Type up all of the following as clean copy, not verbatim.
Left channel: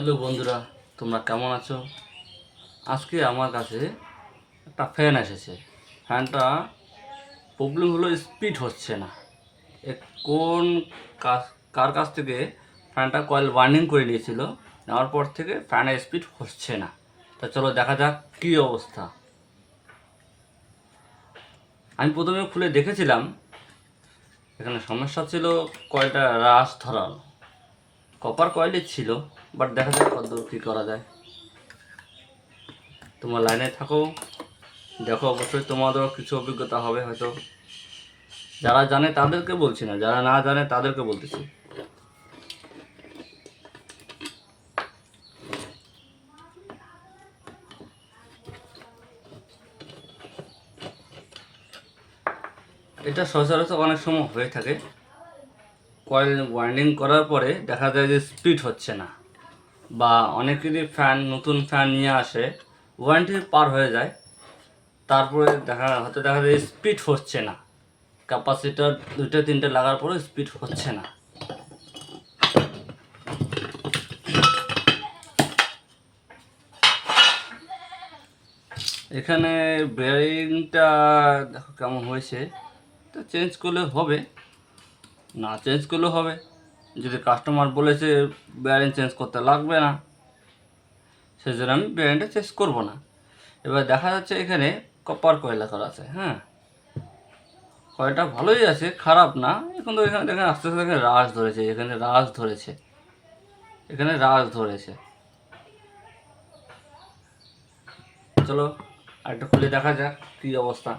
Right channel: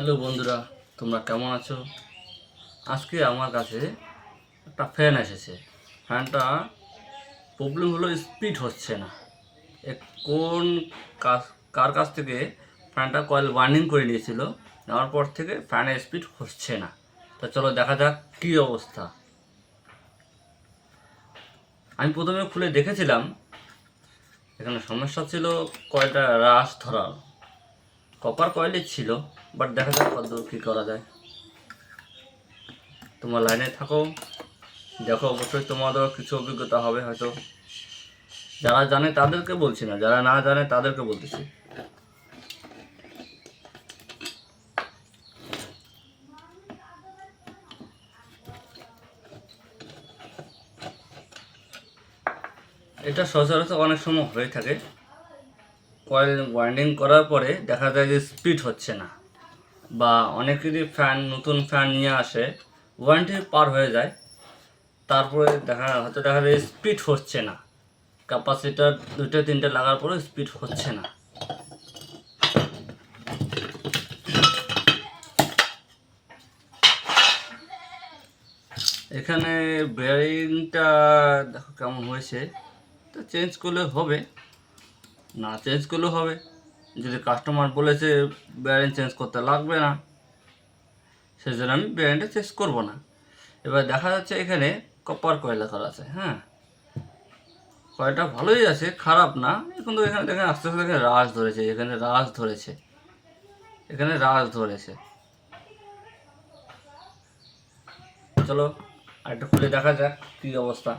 Hello বন্ধুরা, তোমরা কেমন আছো? আজকে আমার কাছে একটা ফ্যান এসেছে। ফ্যানটা প্রবলেম হলো স্পিড হচ্ছে না। এ কোন কাজ কার কাছ থেকে ফ্যানটা কয়েল ওয়ার্নিং করে নিয়েছিল, নেওয়ার পর থেকে ফ্যানের স্পিড হচ্ছে না। তা চলো দেখা যাক কী অবস্থা। আমি প্রথমে খুলে দেখেছিলাম, এখানে সমস্যা ছিল কয়েলটা রাশ ধরানো। কপার কয়েলই ছিল, বাট দেখা যাক কতদূর কী করা যায়। তোমরা লাইনে থাকো, দেখো, অবশ্যই তোমাদেরও কিছু অভিজ্ঞতা হবে হয়তো। যারা জানে তাদেরকে বলছি না, যারা না জানে তাদেরকে বলতেছি। এটা সচরাচর অনেক সময় হয়ে থাকে। কয়েল ওয়াইন্ডিং করার পরে দেখা যায় যে স্পিড হচ্ছে না, বা অনেকেরই ফ্যান, নতুন ফ্যান নিয়ে আসে, ওয়ারেন্টি পার হয়ে যায়, তারপরে দেখা যায় স্পিড হচ্ছে না। ক্যাপাসিটার 2-3টে লাগার পরে স্পিড হচ্ছে না। এখানে বেয়ারিংটা দেখো কেমন হয়েছে, তো চেঞ্জ করলে হবে, না চেঞ্জ করলেও হবে। যদি কাস্টমার বলেছে বেয়ারিং চেঞ্জ করতে লাগবে না, সেজন্য আমি বেয়ারিংটা চেঞ্জ করবো না। এবার দেখা যাচ্ছে এখানে কপার কয়েল করা আছে। হ্যাঁ, কয়েলটা ভালোই আছে, খারাপ না, কিন্তু এখানে দেখেন আস্তে আস্তে এখানে রাশ ধরেছে, এখানে রাশ ধরেছে, এখানে রাশ ধরেছে। চলো আরেকটা খুলে দেখা যাক কী অবস্থা।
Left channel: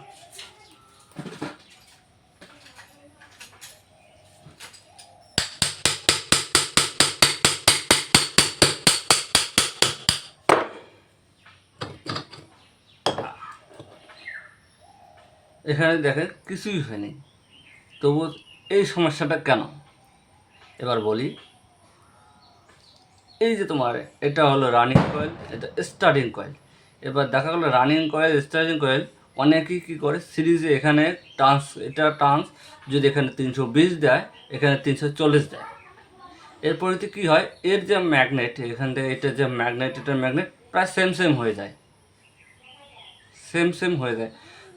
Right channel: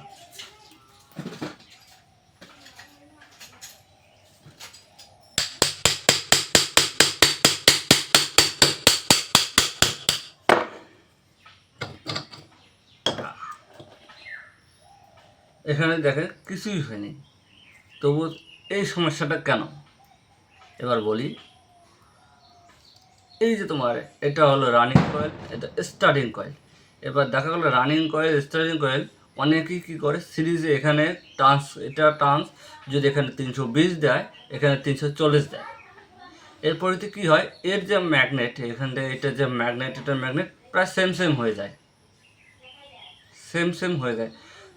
এখানে দেখেন কিছুই হয়নি, তবু এই সমস্যাটা কেন এবার বলি। এই যে তোমার এটা হলো রানিং কয়েল, এটা স্টার্টিং কয়েল। এবার দেখা গেলো রানিং কয়েল, স্টার্টিং কয়েল অনেকেই কী করে সিরিজে এখানে টার্ন্স যদি এখানে 320 দেয়, এখানে 340 দেয়। এরপরে কী হয়, এর যে ম্যাগনেট, এখান থেকে এটা যে ম্যাগনেট, এটার ম্যাগনেট প্রায় সেম হয়ে যায়, সেম হয়ে যায়।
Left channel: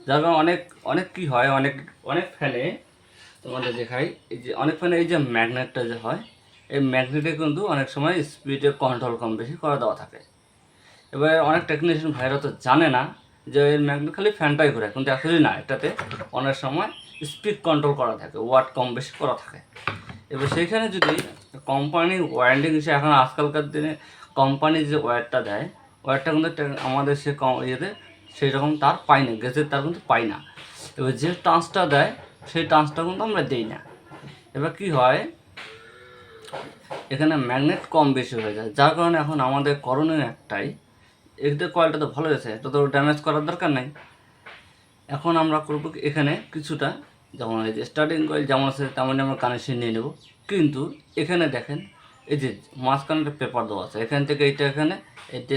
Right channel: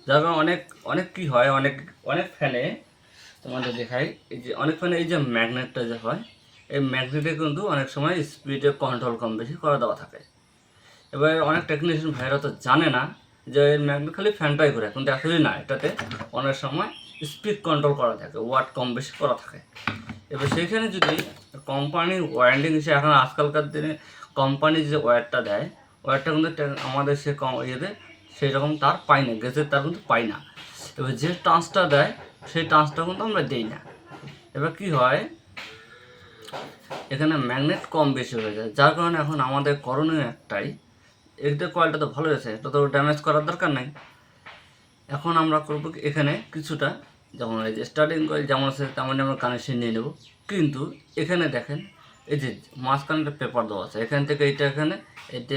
যার কারণে অনেক অনেক কী হয়, অনেক অনেক ফ্যানে তোমাদের দেখাই, এই যে অনেক ফ্যানে এই যে ম্যাগনেটটা যে হয়, এই ম্যাগনেটে কিন্তু অনেক সময় স্পিডে কন্ট্রোল কম বেশি করে দেওয়া থাকে। এবার অনেক টেকনিশিয়ান ভাইরা তো জানে না যে এর ম্যাগনেট খালি ফ্যানটাই ঘোরে, কিন্তু অ্যাকচুয়ালি না, এটাতে অনেক সময় স্পিড কন্ট্রোল করা থাকে, ওয়াট কম বেশি করা থাকে। এবার সেইখানে যদি কোম্পানি ওয়ারেন্টি হিসেবে, এখন আজকালকার দিনে কোম্পানি যে ওয়্যারটা দেয়, ওয়্যারটা কিন্তু আমাদের সে ইয়েতে সেই রকম তার পাই না, গ্যাসের তার কিন্তু পাই না। এবার যে ট্রান্সটা দেয় সেই ট্রান্সটা কিন্তু আমরা দিই না। এবার কি হয়, এখানে ম্যাগনেট কম বেশি হয়ে যায়, যার কারণে এখন আমাদের করণীয় একটাই, এটা কয়েলটা তো ভালো আছে, এটা তো ড্যামেজ করার দরকার নাই। এখন আমরা করবো এখানে কিছুটা, যেমন এই যে স্টার্টিং কয়েল যেমন আছে তেমনই আমরা কানেকশন নিয়ে নেব। কিন্তু এখানে দেখেন, এই যে মাঝখানে একটা পেপার দেওয়া আছে, এখান থেকে এইটা এখানে, এটা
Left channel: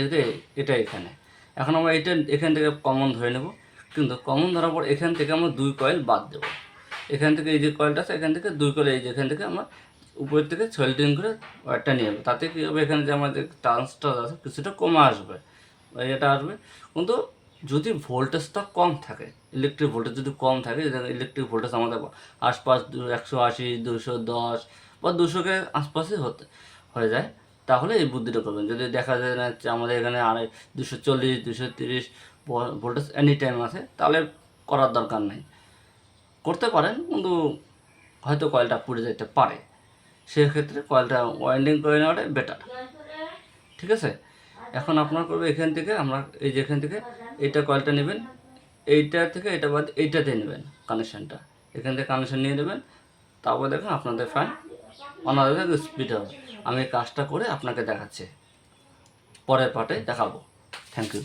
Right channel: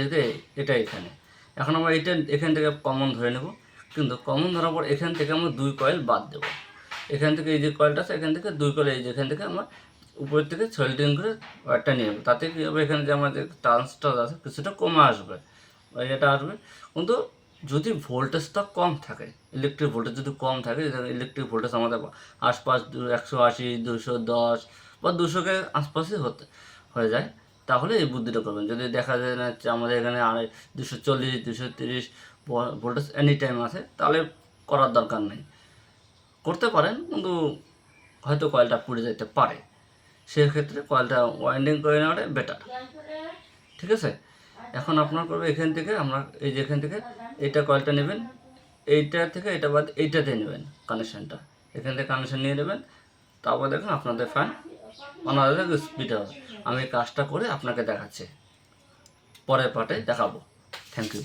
এটা এখানে। এখন আমরা এইটা এখান থেকে কমন ধরে নেব, কিন্তু কমন ধরার পর এখান থেকে আমরা 2 কয়েল বাদ দেবো। এখান থেকে এই যে কয়েলটা আছে, এখান থেকে 2 কয়েল, এই যে এখান থেকে আমরা উপরের থেকে সোল্ডিং করে ওয়্যারটা নিয়ে নেব। তাতে কী হবে, এখানে যে আমাদের ট্রান্সটা আছে কিছুটা কমে আসবে, এটা আসবে। কিন্তু যদি ভোল্টেজটা কম থাকে, ইলেকট্রিক ভোল্টেজ যদি কম থাকে, ইলেকট্রিক ভোল্টেজ আমাদের আশপাশ 180, 210 বা 200-কে আশপাশে হয়ে যায়, তাহলে এই বুদ্ধিটা করবেন। যদি দেখা যায় না আমাদের এখানে 240, 230 ভোল্টেজ এনি টাইম আছে, তাহলে করার দরকার নাই। করতে পারেন, কিন্তু হয়তো কয়েলটা পুড়ে যেতে পারে, সেক্ষেত্রে কয়েলটা ওয়াইন্ডিং করে নেওয়াটাই বেটার। ঠিক আছে, এখন আপনার করবে এখান থেকে, আমরা এই যে এখান থেকে এইটা কয়েলটা নেবেন, এইটা থেকে এটা বাদ এইটাতে নেবেন কানেকশানটা, এখান থেকে কানেকশান নিয়ে নেবেন। তারপর দেখুন আপনাদের ফ্যান অনাদের স্পিড হবে। আমি কাজটা করে আপনাকে দেখাচ্ছি, পরের পার্টে দেখাবো। Thank you.